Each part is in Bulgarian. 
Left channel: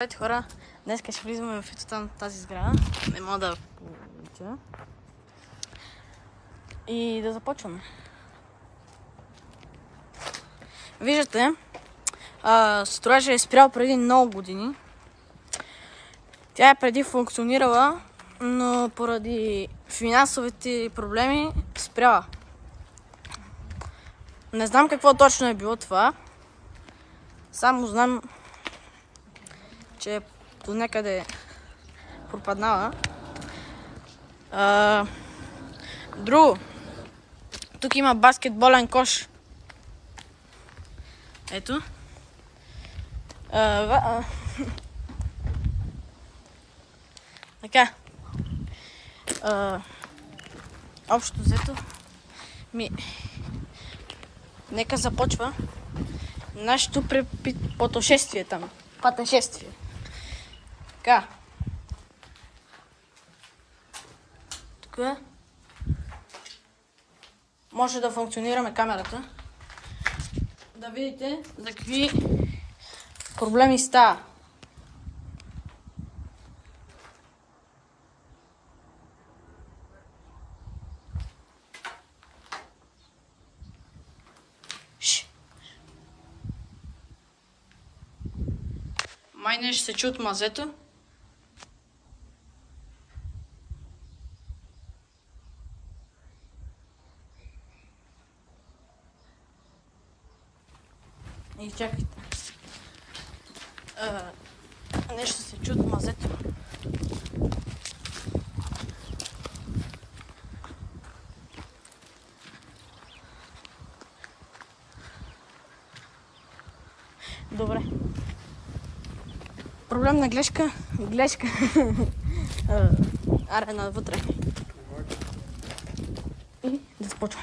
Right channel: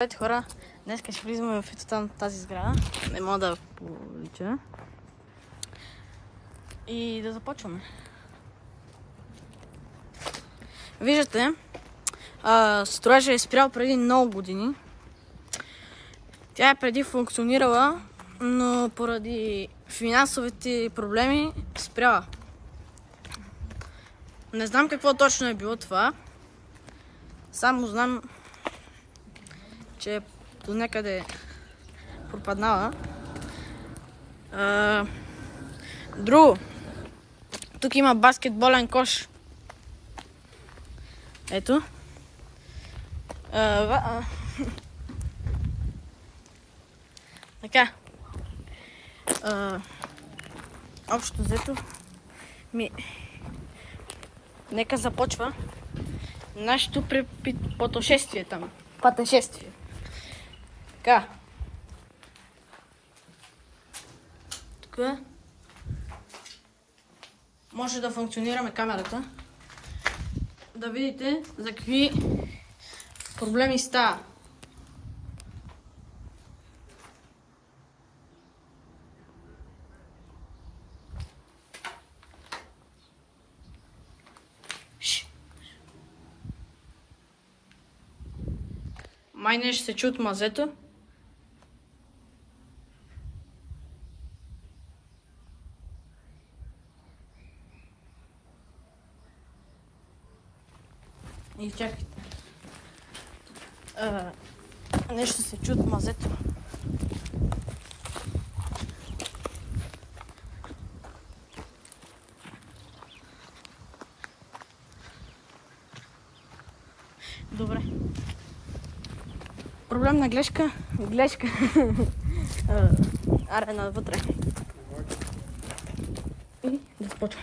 Здравейте хора, днес ще влизаме в ето тази сграда. Не мога да полетя. И да започваме. Виждате, строежът е спрял преди много години. Тя е преди функционирала, но поради финансовите проблеми спряла. Не знам какво точно е било това. Само знам, че е до някъде пропаднала. Друго. Тук има баскетболен кош. Ето. Така. Общо взето. Нека започва нашето пътешествие там. Пътешествие. Така. Тук може да функционираме камерата. Да видите за какви проблеми става. Май не ще се чу от мазето. И чакайте. Нещо се чу от мазето. Добре. Проблем на глешка. Аре, навътре. И да започва.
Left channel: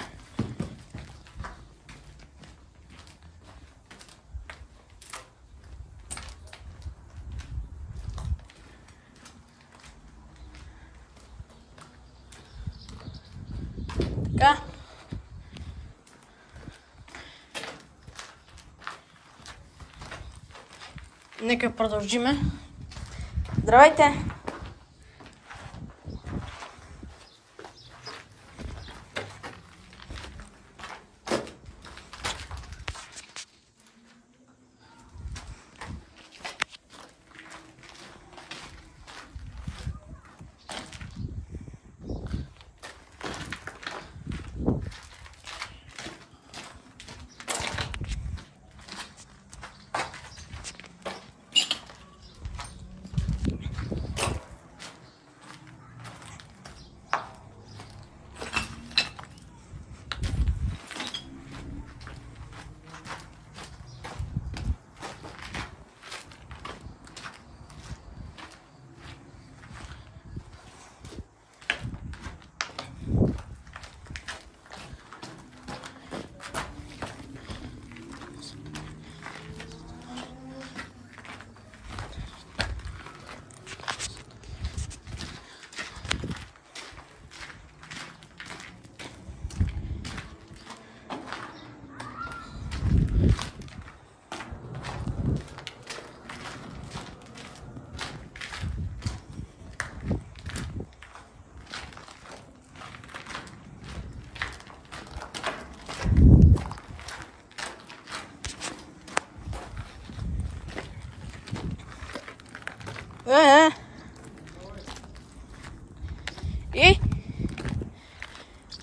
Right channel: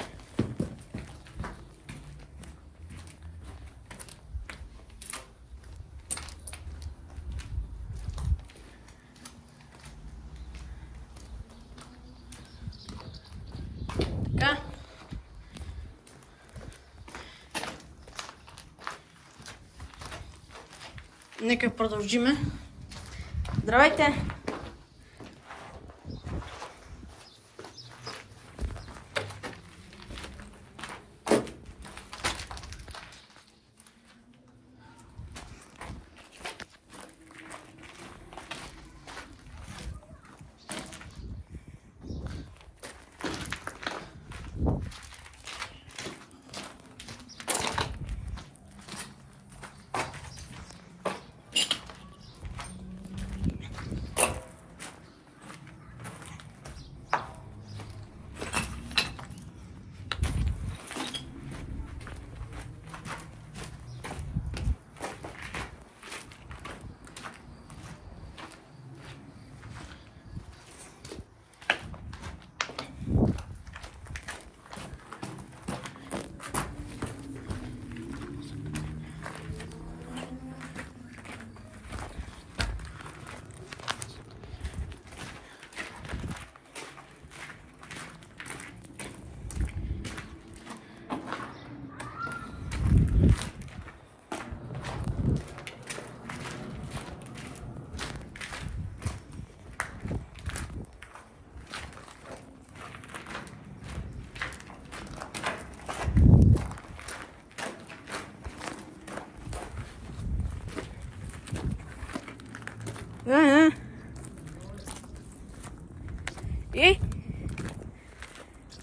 Така. Нека продължиме. Здравейте! И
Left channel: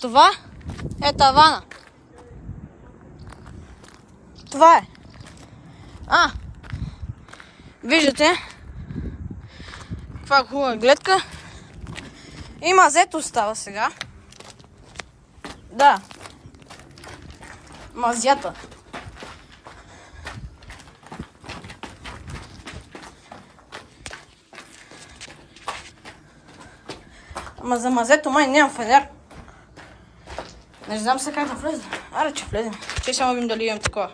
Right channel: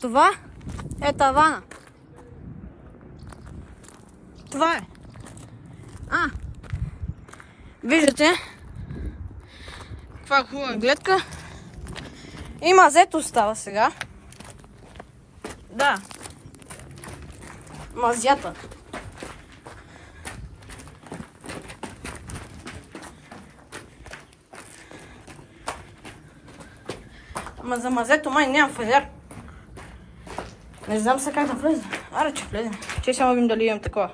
това е тавана. Това е. Виждате? Това е хубава гледка. И мазето става сега. Да. Мазята. Ама за мазето май нямам фазер. Не знам сега как да влезе. Аре, че влезе. Ще само видим дали имам такова.